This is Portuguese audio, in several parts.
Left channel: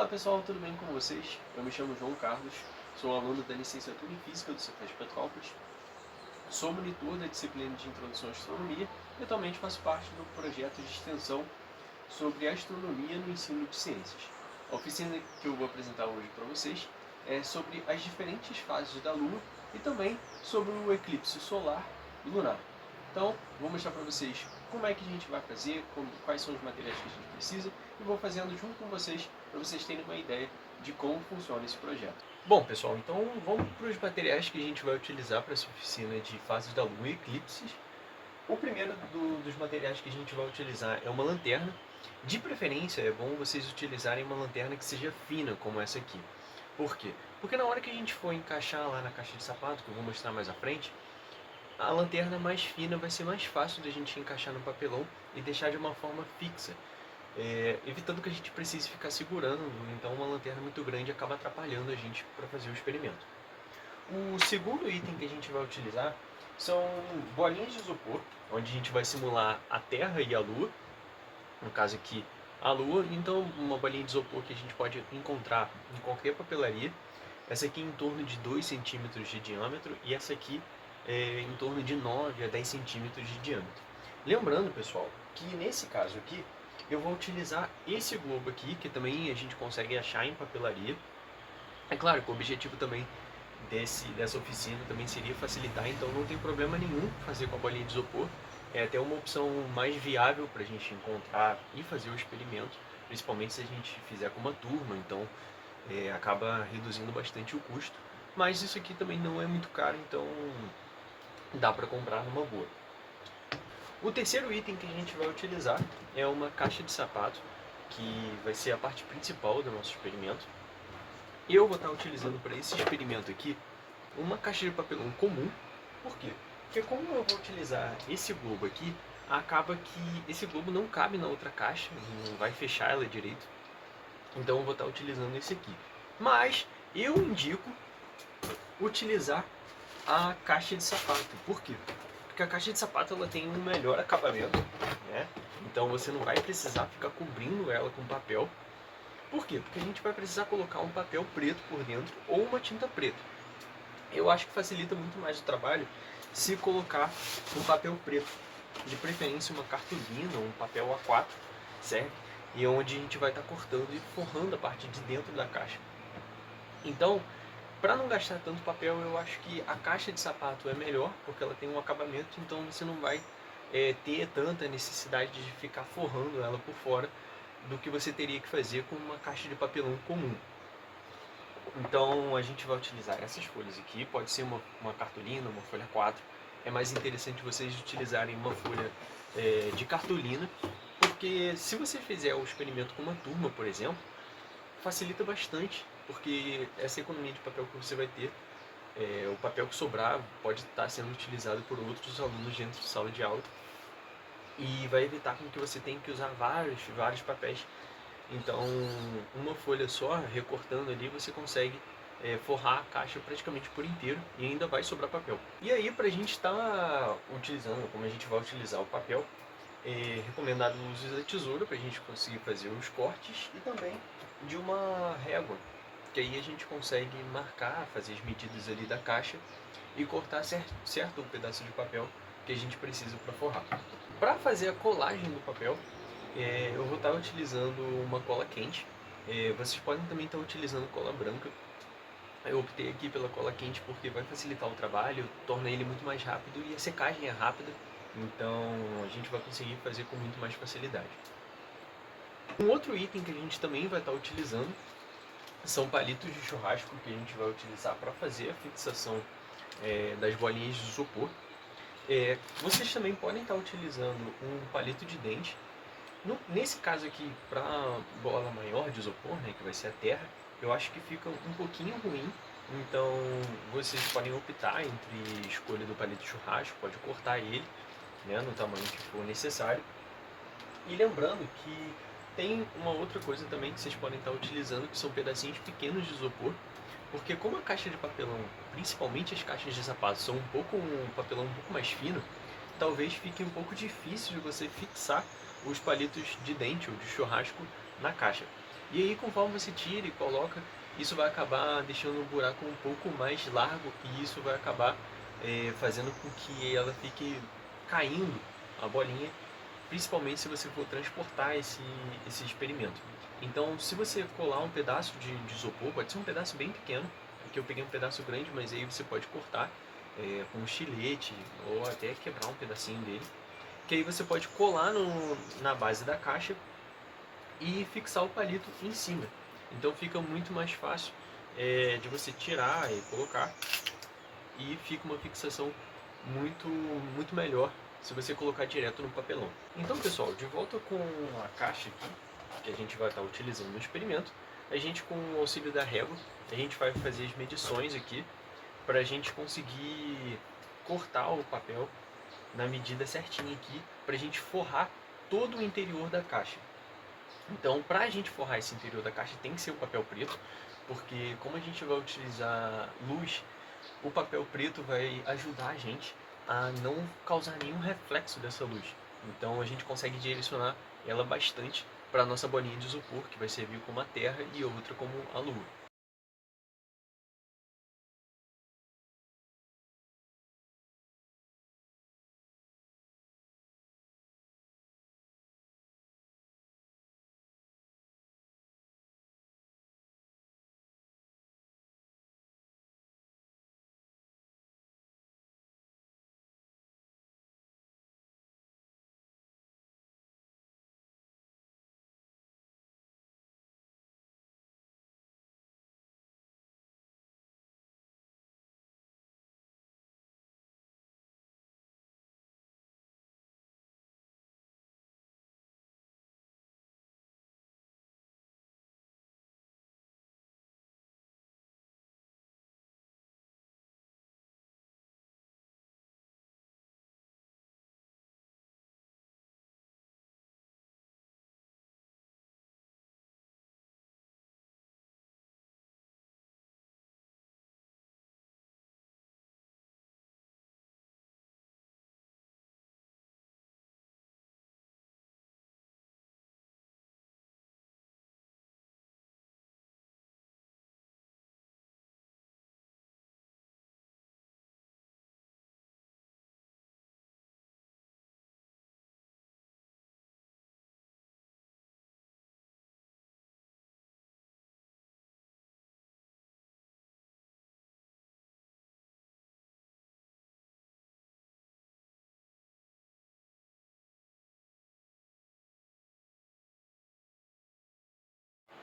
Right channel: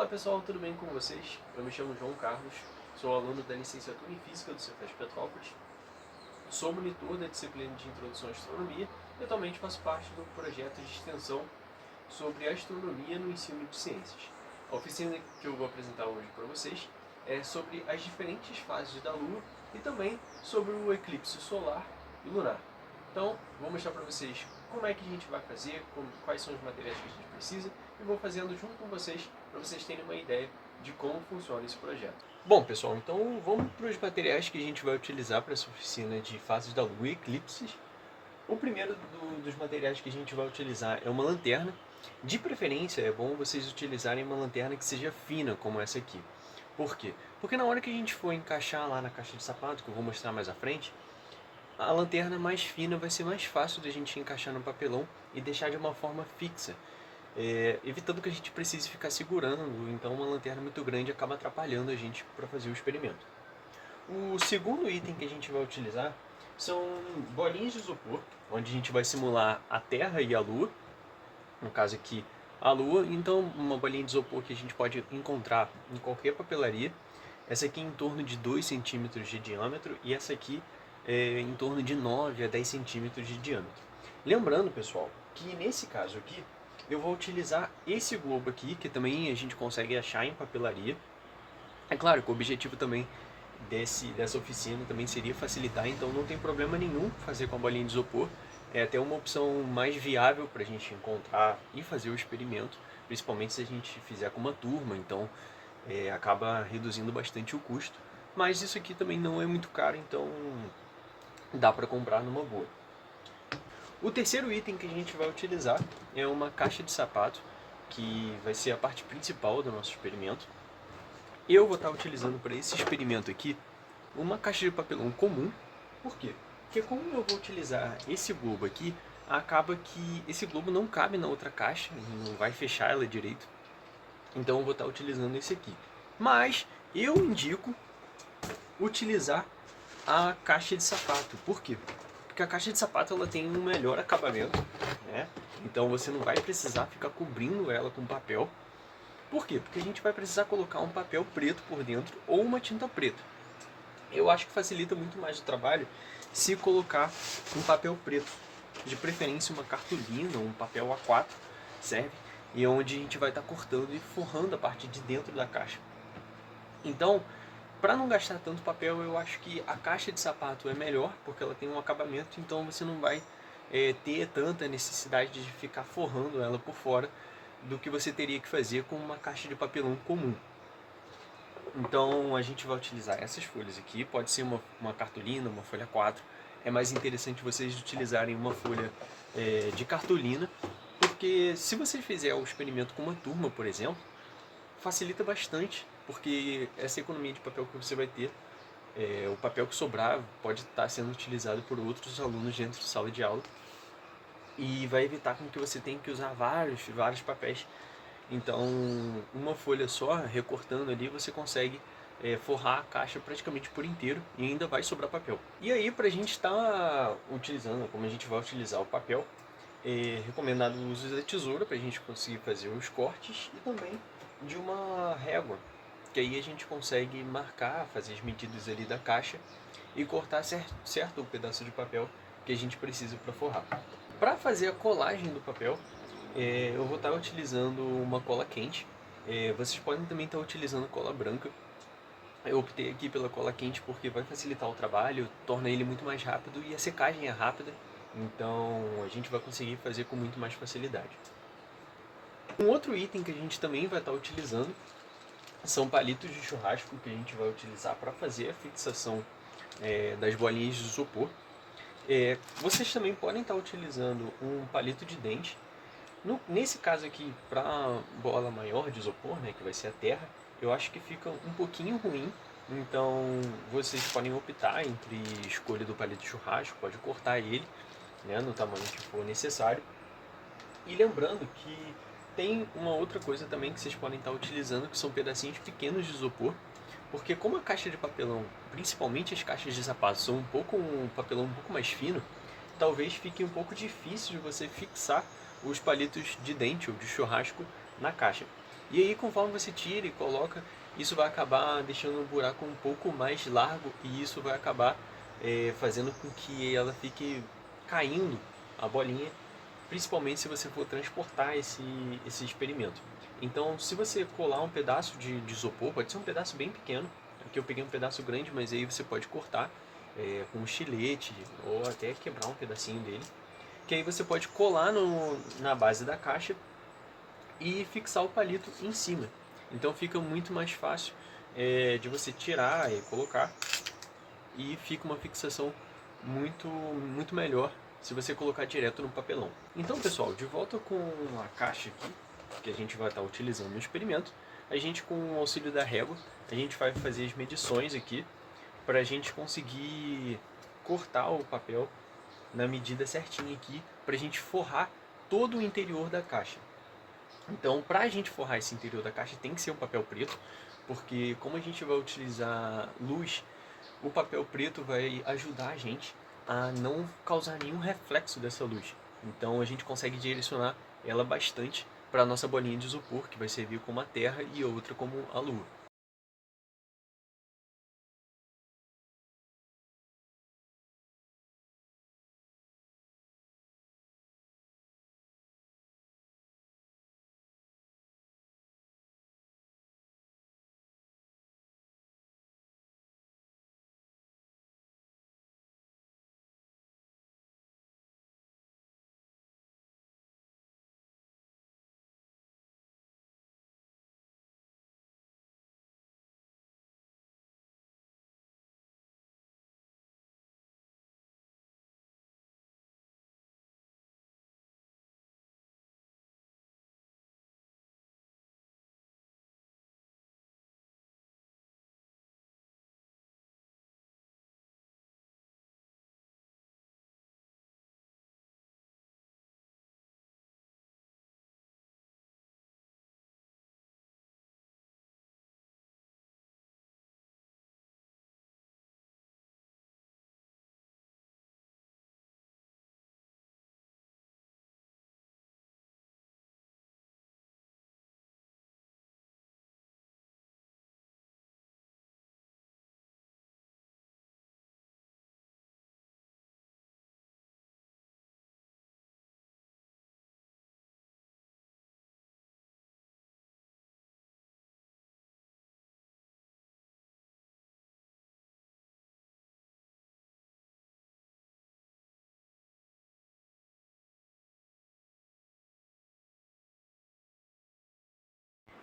Olá pessoal, tudo bem com vocês? Eu me chamo João Carlos, sou aluno da licenciatura em Física do Cefet Petrópolis, sou monitor da disciplina de Introdução à Astronomia e atualmente faço parte do projeto de extensão sobre astronomia no ensino de ciências. A oficina que eu vou apresentar hoje para vocês é sobre as diferentes fases da Lua e também sobre o eclipse solar e lunar. Então, vou mostrar para vocês como é que a gente vai fazer, quais são os materiais que a gente precisa e vou fazendo junto com vocês para vocês terem uma ideia de como funciona esse projeto. Bom, pessoal, então vamos para os materiais que a gente vai utilizar para essa oficina de fases da Lua e eclipses. O primeiro dos materiais que a gente vai utilizar é uma lanterna. De preferência, é bom vocês utilizarem uma lanterna que seja fina, como essa aqui. Por quê? Porque na hora que a gente for encaixar lá na caixa de sapato, que eu vou mostrar mais à frente, a lanterna mais fina vai ser mais fácil da gente encaixar no papelão e deixar de uma forma fixa, evitando que a gente precise ficar segurando, então uma lanterna muito grande acaba atrapalhando a gente para fazer o experimento. O segundo item que a gente vai utilizar são bolinhas de isopor, onde a gente vai simular a Terra e a Lua, no caso aqui a Lua, então uma bolinha de isopor que a gente pode encontrar em qualquer papelaria. Essa aqui em torno de 2 centímetros de diâmetro e essa aqui em torno de 9 a 10 centímetros de diâmetro. Lembrando, pessoal, que nesse caso aqui eu vou utilizar esse globo aqui, que também a gente consegue achar em papelaria. É claro que o objetivo também dessa oficina também seria facilitar, então não tem problema nenhum fazer com a bolinha de isopor. É até uma opção mais viável para a gente encontrar e fazer o experimento, principalmente se a gente fizer com uma turma, então acaba reduzindo bastante o custo. Mas isso aqui também não é muito caro, então dá para comprar numa boa. O terceiro item que a gente vai utilizar é uma caixa de sapato, que vai ser a parte principal do nosso experimento. Eu vou estar utilizando para esse experimento aqui uma caixa de papelão comum. Por quê? Porque como eu vou utilizar esse globo aqui, acaba que esse globo não cabe na outra caixa, não vai fechar ela direito. Então eu vou estar utilizando esse aqui. Mas eu indico utilizar a caixa de sapato. Por quê? Porque a caixa de sapato ela tem um melhor acabamento, né? Então você não vai precisar ficar cobrindo ela com papel. Por quê? Porque a gente vai precisar colocar um papel preto por dentro ou uma tinta preta. Eu acho que facilita muito mais o trabalho se colocar um papel preto, de preferência uma cartolina, um papel A4, serve, e onde a gente vai estar cortando e forrando a parte de dentro da caixa. Então, para não gastar tanto papel, eu acho que a caixa de sapato é melhor, porque ela tem um acabamento, então você não vai ter tanta necessidade de ficar forrando ela por fora do que você teria que fazer com uma caixa de papelão comum. Então a gente vai utilizar essas folhas aqui, pode ser uma cartolina, uma folha 4. É mais interessante vocês utilizarem uma folha de cartolina, porque se você fizer o experimento com uma turma, por exemplo, facilita bastante, porque essa economia de papel que você vai ter, o papel que sobrar pode estar sendo utilizado por outros alunos dentro de sala de aula e vai evitar com que você tenha que usar vários papéis. Então, uma folha só, recortando ali, você consegue forrar a caixa praticamente por inteiro e ainda vai sobrar papel. E aí, para a gente estar utilizando, como a gente vai utilizar o papel, é recomendado o uso da tesoura para a gente conseguir fazer os cortes e também de uma régua, que aí a gente consegue marcar, fazer as medidas ali da caixa e cortar certo o pedaço de papel que a gente precisa para forrar. Para fazer a colagem do papel, eu vou estar utilizando uma cola quente. Vocês podem também estar utilizando cola branca. Eu optei aqui pela cola quente porque vai facilitar o trabalho, torna ele muito mais rápido e a secagem é rápida, então a gente vai conseguir fazer com muito mais facilidade. Um outro item que a gente também vai estar utilizando são palitos de churrasco que a gente vai utilizar para fazer a fixação das bolinhas de isopor. Vocês também podem estar utilizando um palito de dente. Nesse caso aqui, para bola maior de isopor, né, que vai ser a terra, eu acho que fica um pouquinho ruim. Então vocês podem optar entre escolha do palito de churrasco, pode cortar ele, né, no tamanho que for necessário. E lembrando que tem uma outra coisa também que vocês podem estar utilizando, que são pedacinhos pequenos de isopor, porque como a caixa de papelão, principalmente as caixas de sapato, são um papelão um pouco mais fino, talvez fique um pouco difícil de você fixar os palitos de dente ou de churrasco na caixa. E aí, conforme você tira e coloca, isso vai acabar deixando o buraco um pouco mais largo e isso vai acabar fazendo com que ela fique caindo, a bolinha, principalmente se você for transportar esse experimento. Então, se você colar um pedaço de isopor, pode ser um pedaço bem pequeno, aqui eu peguei um pedaço grande, mas aí você pode cortar com um estilete ou até quebrar um pedacinho dele, que aí você pode colar na base da caixa e fixar o palito em cima. Então fica muito mais fácil de você tirar e colocar e fica uma fixação muito melhor se você colocar direto no papelão. Então, pessoal, de volta com a caixa aqui, que a gente vai estar utilizando no experimento, a gente, com o auxílio da régua, a gente vai fazer as medições aqui para a gente conseguir cortar o papel na medida certinha aqui, para a gente forrar todo o interior da caixa. Então, para a gente forrar esse interior da caixa, tem que ser um papel preto, porque como a gente vai utilizar luz, o papel preto vai ajudar a gente a não causar nenhum reflexo dessa luz. Então, a gente consegue direcionar ela bastante para a nossa bolinha de isopor, que vai servir como a Terra e outra como a Lua.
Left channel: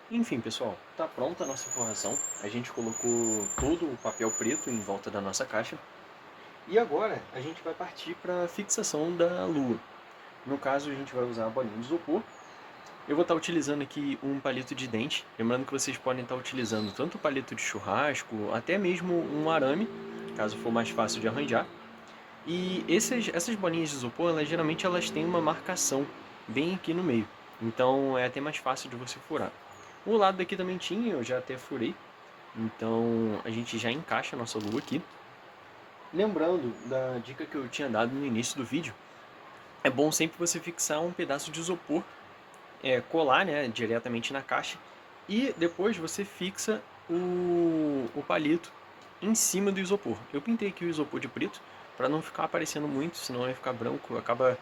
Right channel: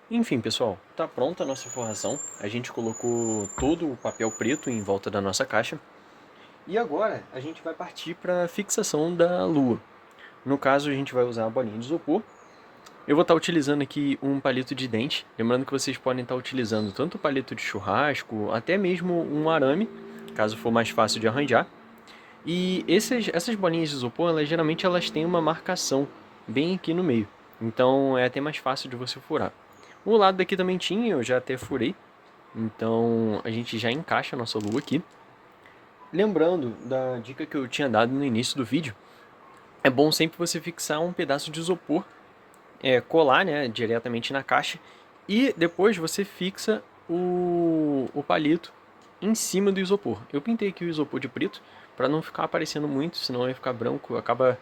Enfim, pessoal, está pronta a nossa forração. A gente colocou todo o papel preto em volta da nossa caixa. E agora a gente vai partir para a fixação da lua. No caso, a gente vai usar a bolinha de isopor. Eu vou estar utilizando aqui um palito de dente. Lembrando que vocês podem estar utilizando tanto palito de churrasco, até mesmo um arame, caso for mais fácil de arranjar. E essas bolinhas de isopor, geralmente elas têm uma marcação bem aqui no meio. Então é até mais fácil de você furar. O lado daqui também tinha, eu já até furei. Então a gente já encaixa a nossa lua aqui. Lembrando da dica que eu tinha dado no início do vídeo, é bom sempre você fixar um pedaço de isopor, colar, né, diretamente na caixa, e depois você fixa o palito em cima do isopor. Eu pintei aqui o isopor de preto para não ficar aparecendo muito, senão vai ficar branco, acaba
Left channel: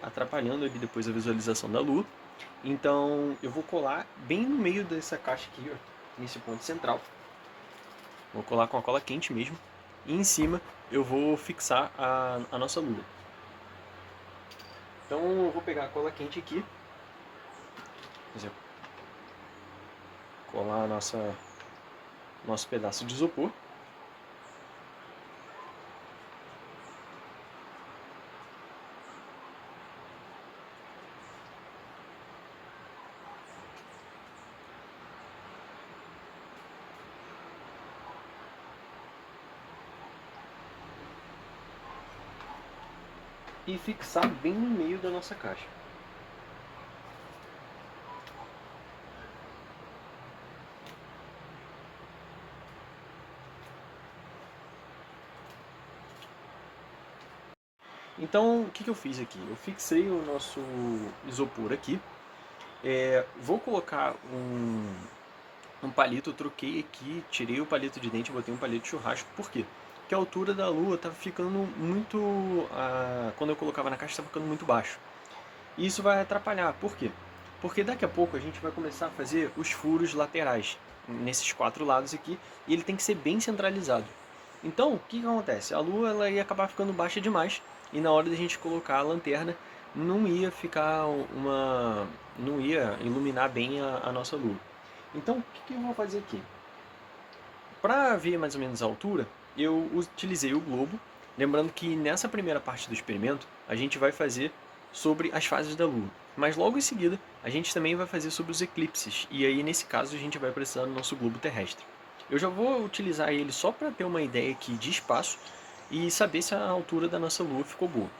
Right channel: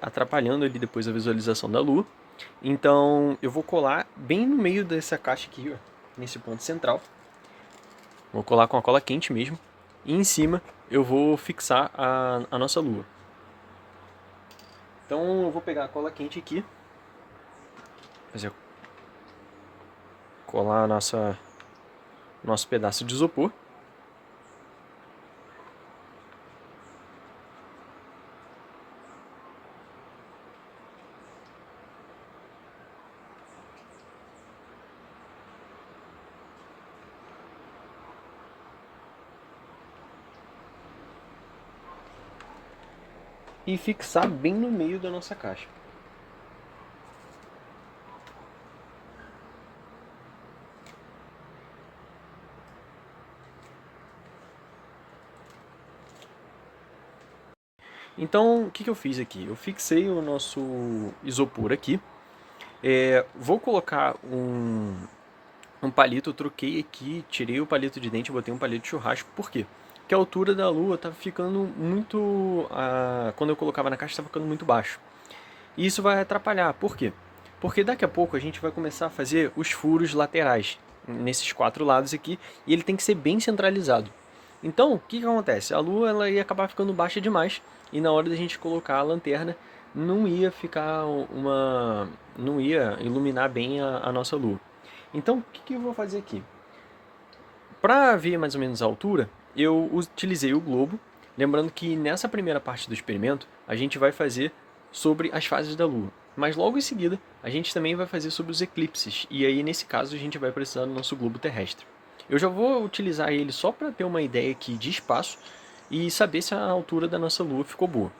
atrapalhando ali depois a visualização da lua. Então eu vou colar bem no meio dessa caixa aqui, ó, nesse ponto central. Vou colar com a cola quente mesmo. E em cima eu vou fixar a nossa lua. Então eu vou pegar a cola quente aqui, fazer colar nosso pedaço de isopor. E fixar bem no meio da nossa caixa. Então, o que eu fiz aqui? Eu fixei o nosso isopor aqui Vou colocar um palito, eu troquei aqui, tirei o palito de dente e botei um palito de churrasco. Por quê? Porque a altura da lua estava ficando muito... quando eu colocava na caixa estava ficando muito baixo. E isso vai atrapalhar. Por quê? Porque daqui a pouco a gente vai começar a fazer os furos laterais nesses 4 lados aqui e ele tem que ser bem centralizado. Então, o que acontece? A lua ela ia acabar ficando baixa demais e na hora da gente colocar a lanterna não ia ficar não ia iluminar bem a nossa lua. Então, o que eu vou fazer aqui? Para ver mais ou menos a altura, eu utilizei o globo, lembrando que nessa primeira parte do experimento a gente vai fazer sobre as fases da Lua. Mas logo em seguida a gente também vai fazer sobre os eclipses, e aí nesse caso a gente vai precisar do nosso globo terrestre. Eu já vou utilizar ele só para ter uma ideia aqui de espaço e saber se a altura da nossa Lua ficou boa.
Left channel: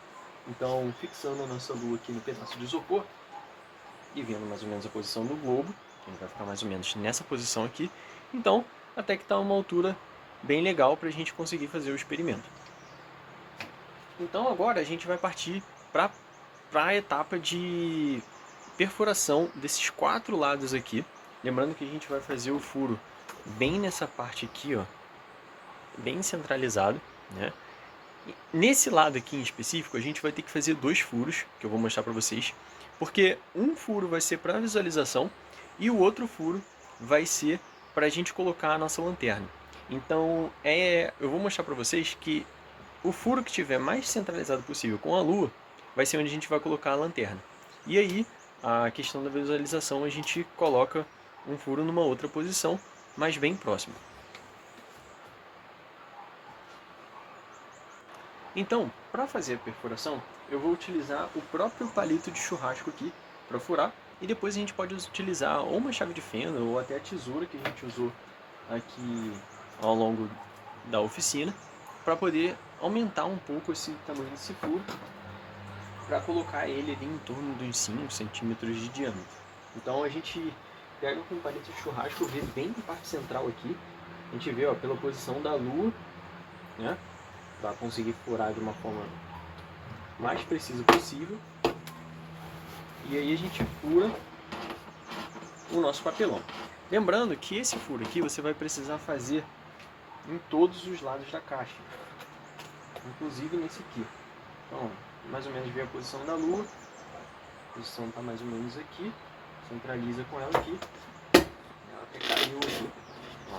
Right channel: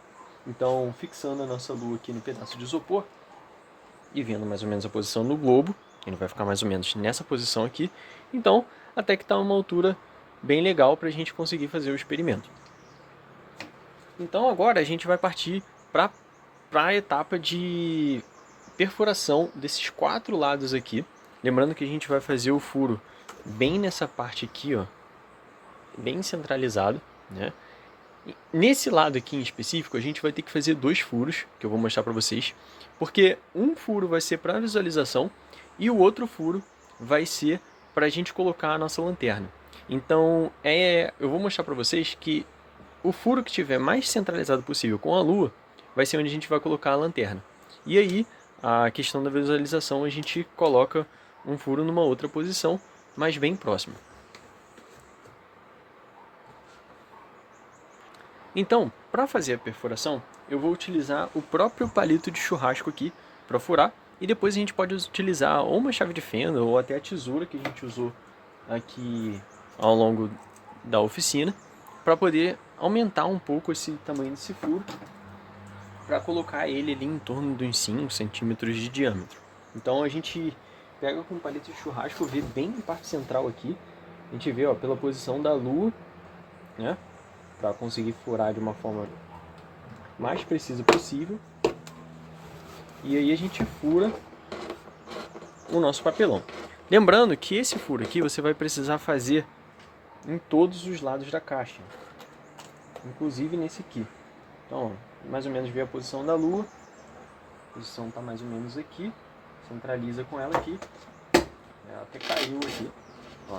Então, fixando a nossa Lua aqui no pedaço de isopor e vendo mais ou menos a posição do globo, ele vai ficar mais ou menos nessa posição aqui. Então, até que está uma altura bem legal para a gente conseguir fazer o experimento. Então agora a gente vai partir para a etapa de perfuração desses 4 lados aqui. Lembrando que a gente vai fazer o furo bem nessa parte aqui, ó, bem centralizado, né? E nesse lado aqui em específico, a gente vai ter que fazer 2 furos, que eu vou mostrar para vocês, porque um furo vai ser para visualização e o outro furo vai ser para a gente colocar a nossa lanterna. Então, eu vou mostrar para vocês que o furo que estiver mais centralizado possível com a lua vai ser onde a gente vai colocar a lanterna. E aí, a questão da visualização, a gente coloca um furo numa outra posição, mas bem próximo. Então, para fazer a perfuração, eu vou utilizar o próprio palito de churrasco aqui para furar, e depois a gente pode utilizar ou uma chave de fenda ou até a tesoura que a gente usou aqui ao longo da oficina para poder aumentar um pouco esse tamanho desse furo para colocar ele ali em torno de uns 5 centímetros de diâmetro. Então a gente pega com um palito de churrasco, vê bem na parte central aqui, a gente vê ó, pela posição da lua, né, para conseguir furar de uma forma mais precisa possível. E aí a gente fura o nosso papelão. Lembrando que esse furo aqui você vai precisar fazer em todos os lados da caixa, inclusive nesse aqui. Então, mais ou menos vê a posição da lua, a posição está mais ou menos aqui, centraliza com ela aqui, ela até caiu aqui, ó,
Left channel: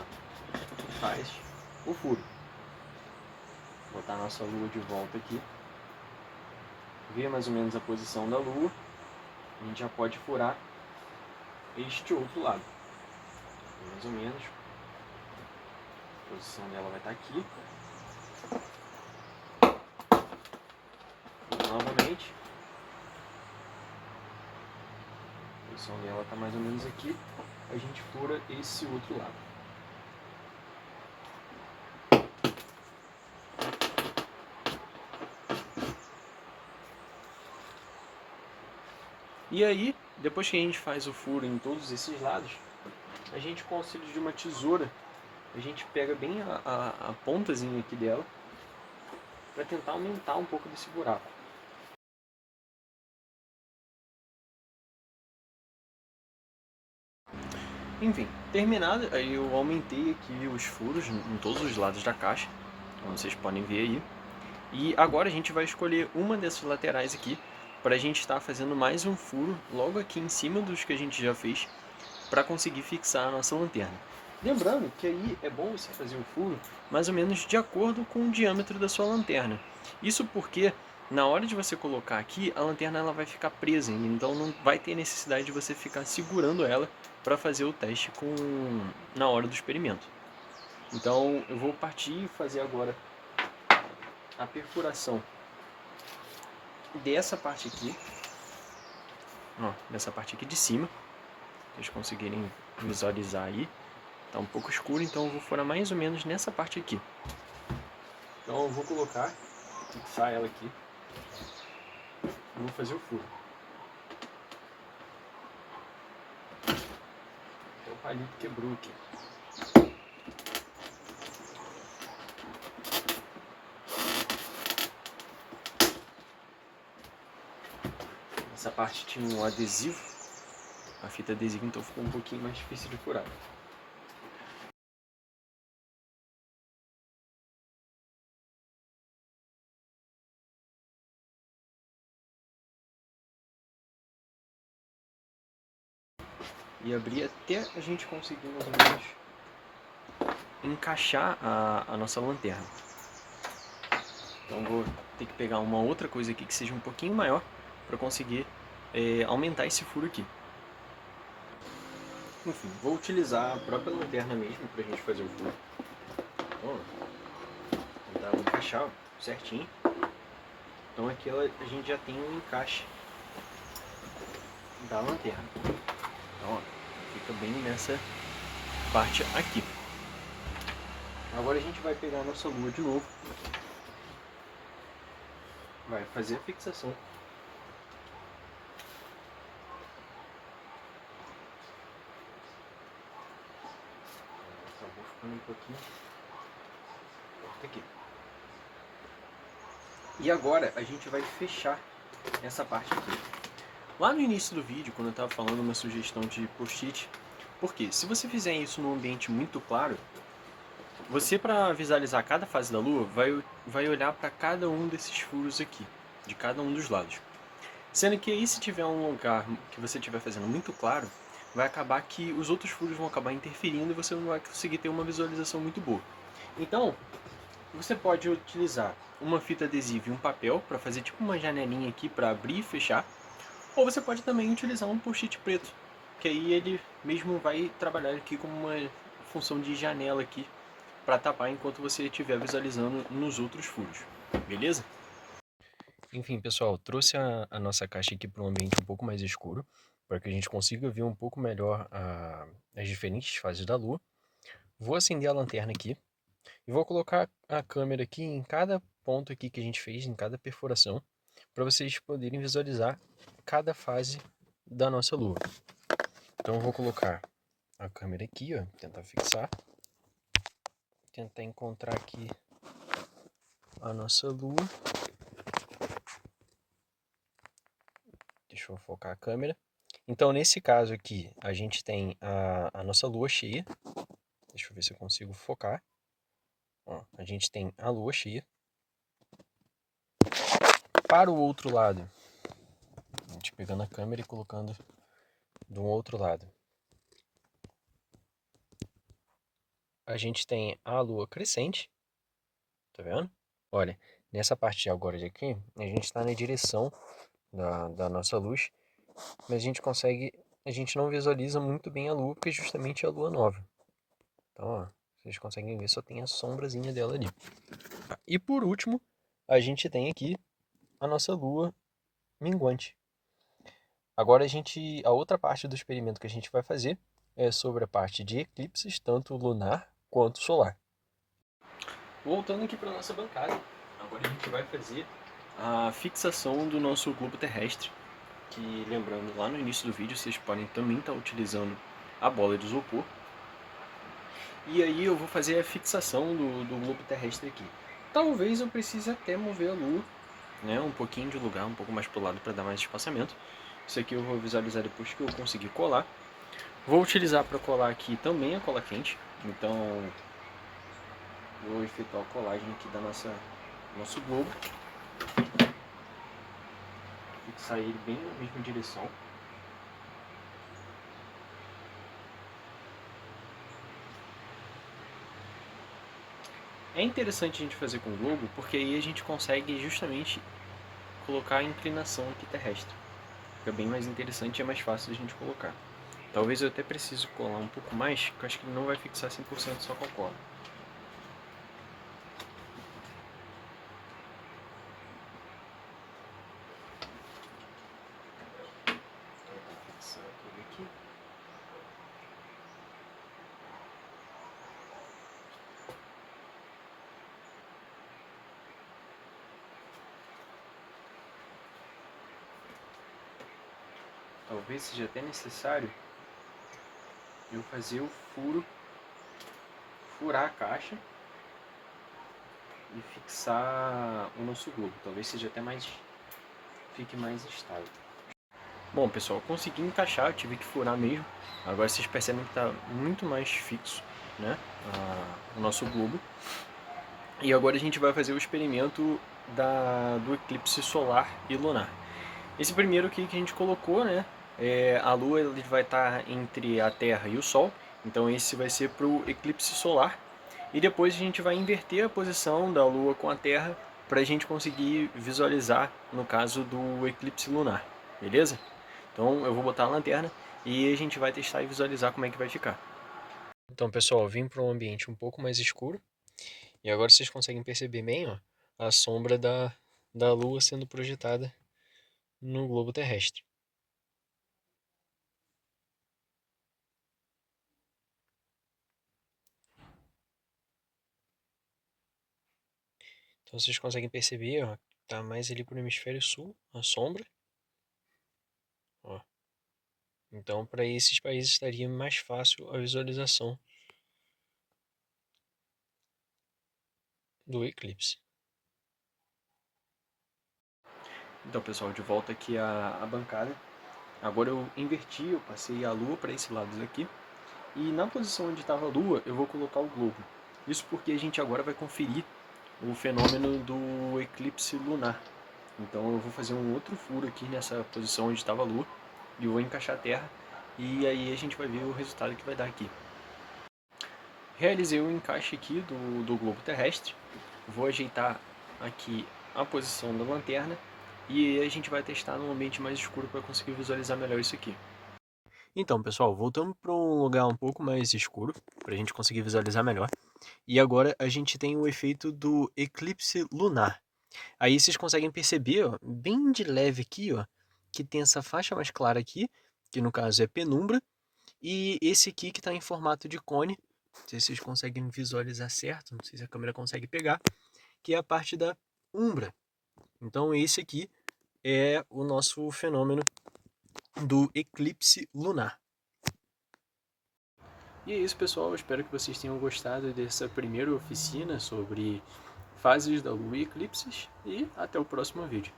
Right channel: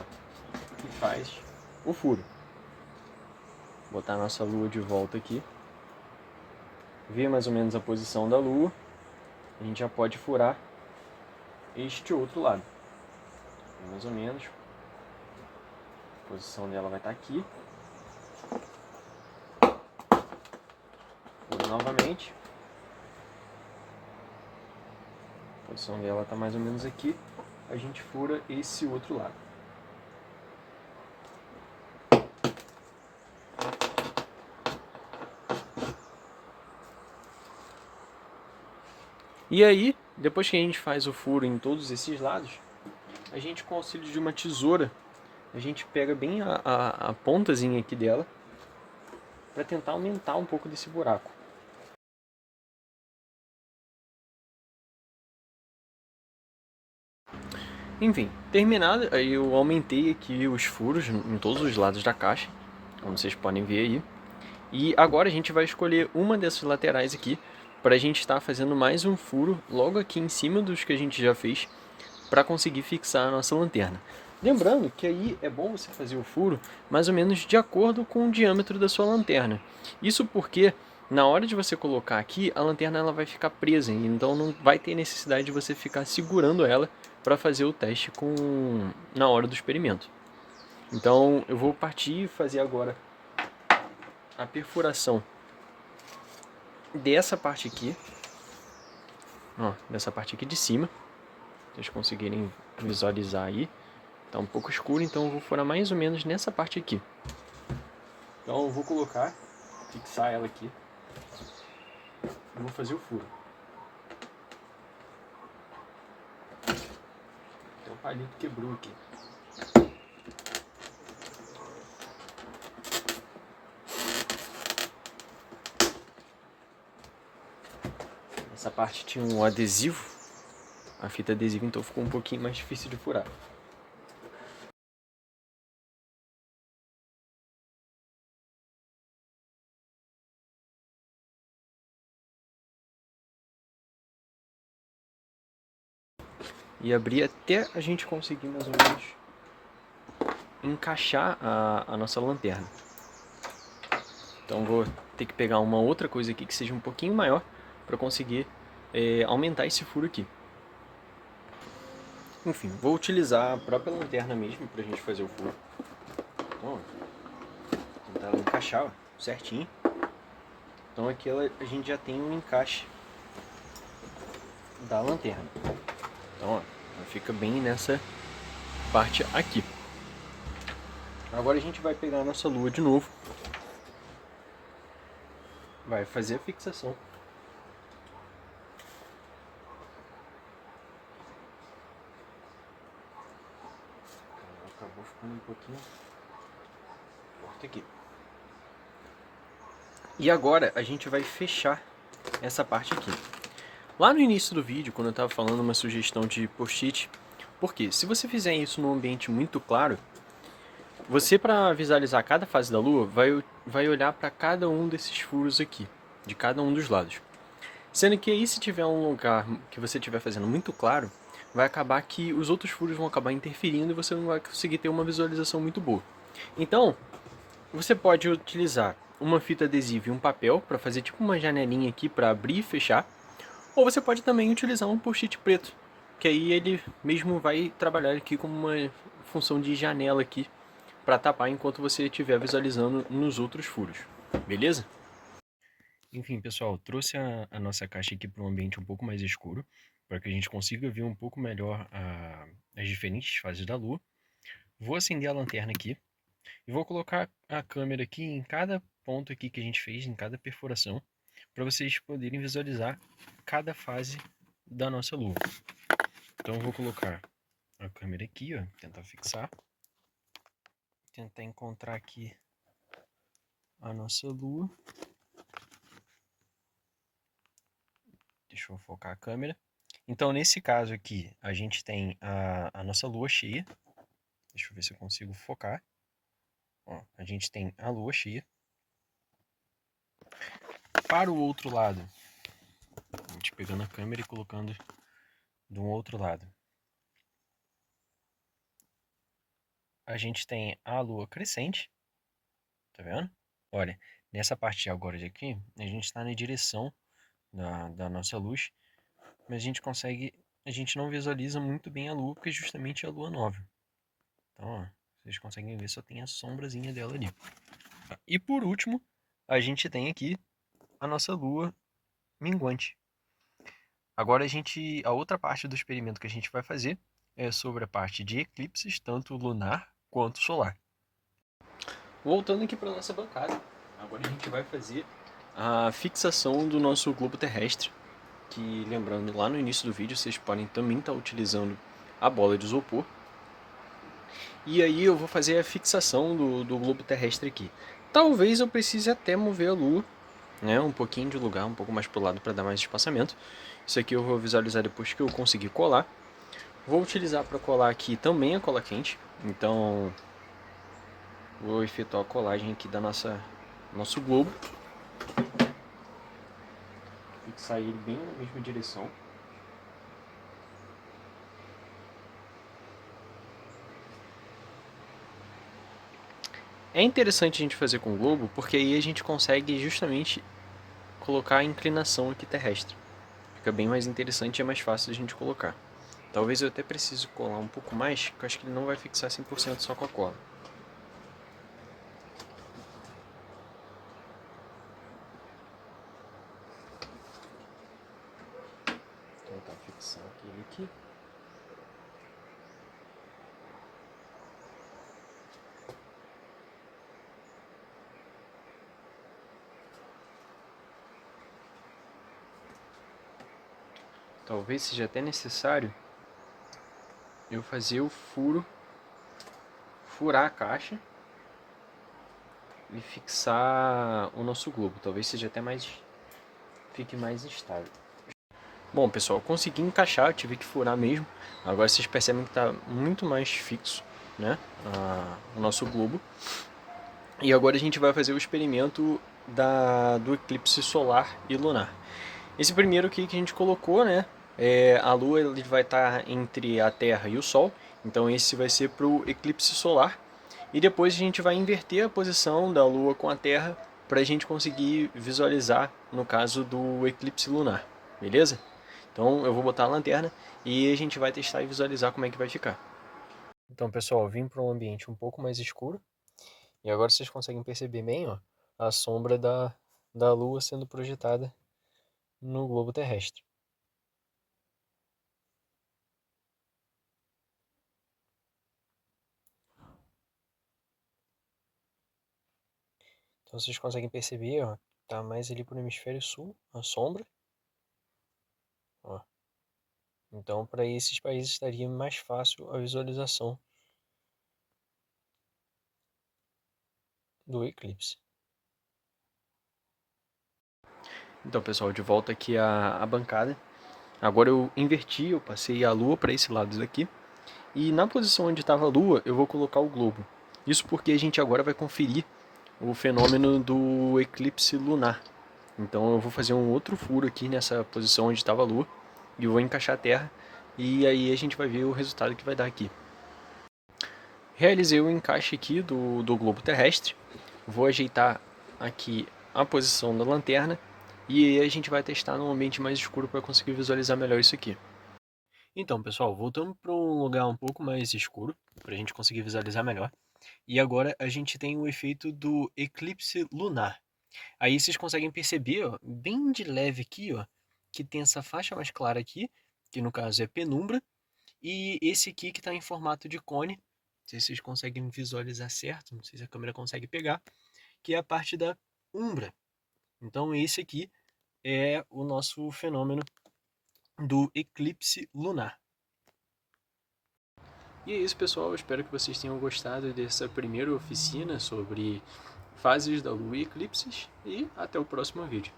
e faz o furo. Vou botar a nossa lua de volta aqui, vê mais ou menos a posição da lua, a gente já pode furar este outro lado, mais ou menos, a posição dela vai estar aqui, e novamente, a posição dela está mais ou menos aqui, a gente fura esse outro lado. E aí, depois que a gente faz o furo em todos esses lados, a gente com o auxílio de uma tesoura, a gente pega bem a pontazinha aqui dela para tentar aumentar um pouco desse buraco. Enfim, terminado, aí eu aumentei aqui os furos em todos os lados da caixa, como vocês podem ver aí. E agora a gente vai escolher uma dessas laterais aqui para a gente estar fazendo mais um furo logo aqui em cima dos que a gente já fez para conseguir fixar a nossa lanterna. Lembrando que aí é bom você fazer o furo mais ou menos de acordo com o diâmetro da sua lanterna. Isso porque na hora de você colocar aqui, a lanterna ela vai ficar presa, então não vai ter necessidade de você ficar segurando ela para fazer o teste na hora do experimento. Então eu vou partir e fazer agora a perfuração dessa parte aqui, ó, dessa parte aqui de cima, se vocês conseguirem visualizar aí. Tá um pouco escuro, então eu vou furar mais ou menos nessa parte aqui. Então eu vou colocar, fixar ela aqui e vou fazer o furo. Até o palito quebrou aqui. Essa parte tinha um adesivo a fita adesiva, então ficou um pouquinho mais difícil de furar. E abrir até a gente conseguir mais ou menos encaixar a nossa lanterna. Então vou ter que pegar uma outra coisa aqui que seja um pouquinho maior para conseguir aumentar esse furo aqui. Enfim, vou utilizar a própria lanterna mesmo para a gente fazer o furo. Então, ó, tentar encaixar certinho. Então aqui a gente já tem um encaixe da lanterna. Então, ó, fica bem nessa parte aqui. Agora a gente vai pegar a nossa lua de novo. Vai fazer a fixação. Acabou ficando um pouquinho forte aqui. E agora a gente vai fechar essa parte aqui. Lá no início do vídeo, quando eu estava falando uma sugestão de post-it, porque se você fizer isso num ambiente muito claro, você, para visualizar cada fase da lua, vai olhar para cada um desses furos aqui, de cada um dos lados. Sendo que aí, se tiver um lugar que você estiver fazendo muito claro, vai acabar que os outros furos vão acabar interferindo e você não vai conseguir ter uma visualização muito boa. Então, você pode utilizar uma fita adesiva e um papel para fazer tipo uma janelinha aqui para abrir e fechar. Ou você pode também utilizar um post-it preto, que aí ele mesmo vai trabalhar aqui como uma função de janela aqui para tapar enquanto você estiver visualizando nos outros furos, beleza? Enfim, pessoal, trouxe a nossa caixa aqui para um ambiente um pouco mais escuro, para que a gente consiga ver um pouco melhor as diferentes fases da lua. Vou acender a lanterna aqui e vou colocar a câmera aqui em cada ponto aqui que a gente fez, em cada perfuração, para vocês poderem visualizar cada fase da nossa lua. Então eu vou colocar a câmera aqui, ó, tentar fixar, tentar encontrar aqui a nossa lua. Deixa eu focar a câmera. Então nesse caso aqui a gente tem a nossa lua cheia. Deixa eu ver se eu consigo focar. Ó, a gente tem a lua cheia. Para o outro lado, a gente pegando a câmera e colocando do outro lado, a gente tem a lua crescente, tá vendo? Olha, nessa parte agora de aqui, a gente está na direção da nossa luz, mas a gente não visualiza muito bem a lua, porque é justamente a lua nova. Então, ó, vocês conseguem ver, só tem a sombrazinha dela ali. E por último, a gente tem aqui a nossa lua minguante. Agora a outra parte do experimento que a gente vai fazer é sobre a parte de eclipses, tanto lunar quanto solar. Voltando aqui para a nossa bancada, agora a gente vai fazer a fixação do nosso globo terrestre, que, lembrando, lá no início do vídeo vocês podem também estar utilizando a bola de isopor. E aí eu vou fazer a fixação do globo terrestre aqui. Talvez eu precise até mover a lua, né, um pouquinho de lugar, um pouco mais para o lado para dar mais espaçamento. Isso aqui eu vou visualizar depois que eu conseguir colar. Vou utilizar para colar aqui também a cola quente, então vou efetuar a colagem aqui da nosso globo. Fixar ele bem na mesma direção. É interessante a gente fazer com o globo, porque aí a gente consegue justamente colocar a inclinação aqui terrestre. Fica bem mais interessante e é mais fácil de a gente colocar. Talvez eu até precise colar um pouco mais, que eu acho que ele não vai fixar 100% só com a cola. Vou tentar fixar ele aqui. Talvez seja até necessário eu fazer o furar a caixa e fixar o nosso globo. Talvez seja até fique mais estável. Bom, pessoal, consegui encaixar, eu tive que furar mesmo. Agora vocês percebem que está muito mais fixo, né, o nosso globo. E agora a gente vai fazer o experimento do eclipse solar e lunar. Esse primeiro aqui que a gente colocou, né, a Lua ele vai estar entre a Terra e o Sol. Então esse vai ser para o eclipse solar. E depois a gente vai inverter a posição da Lua com a Terra para a gente conseguir visualizar no caso do eclipse lunar, beleza? Então eu vou botar a lanterna e a gente vai testar e visualizar como é que vai ficar. Então pessoal, eu vim para um ambiente um pouco mais escuro e agora vocês conseguem perceber bem, ó, a sombra da Lua sendo projetada no globo terrestre. Então vocês conseguem perceber, ó, tá mais ali pro hemisfério sul, a sombra. Ó. Então para esses países estaria mais fácil a visualização do eclipse. Então pessoal, de volta aqui à bancada. Agora eu inverti, eu passei a Lua para esse lado daqui. E na posição onde estava a Lua, eu vou colocar o globo. Isso porque a gente agora vai conferir o fenômeno do eclipse lunar. Então eu vou fazer um outro furo aqui nessa posição onde estava a Lua e eu vou encaixar a Terra e aí a gente vai ver o resultado que vai dar aqui. Realizei o encaixe aqui do globo terrestre, vou ajeitar aqui a posição da lanterna e a gente vai testar num ambiente mais escuro para conseguir visualizar melhor isso aqui. Então pessoal, voltamos para um lugar um pouco mais escuro para a gente conseguir visualizar melhor. E agora a gente tem o efeito do eclipse lunar. Aí vocês conseguem perceber, ó, bem de leve aqui, ó, que tem essa faixa mais clara aqui, que no caso é penumbra, e esse aqui que está em formato de cone, não sei se vocês conseguem visualizar certo, não sei se a câmera consegue pegar, que é a parte da umbra. Então esse aqui é o nosso fenômeno do eclipse lunar. E é isso, pessoal. Eu espero que vocês tenham gostado dessa primeira oficina sobre fases da Lua e eclipses. E até o próximo vídeo.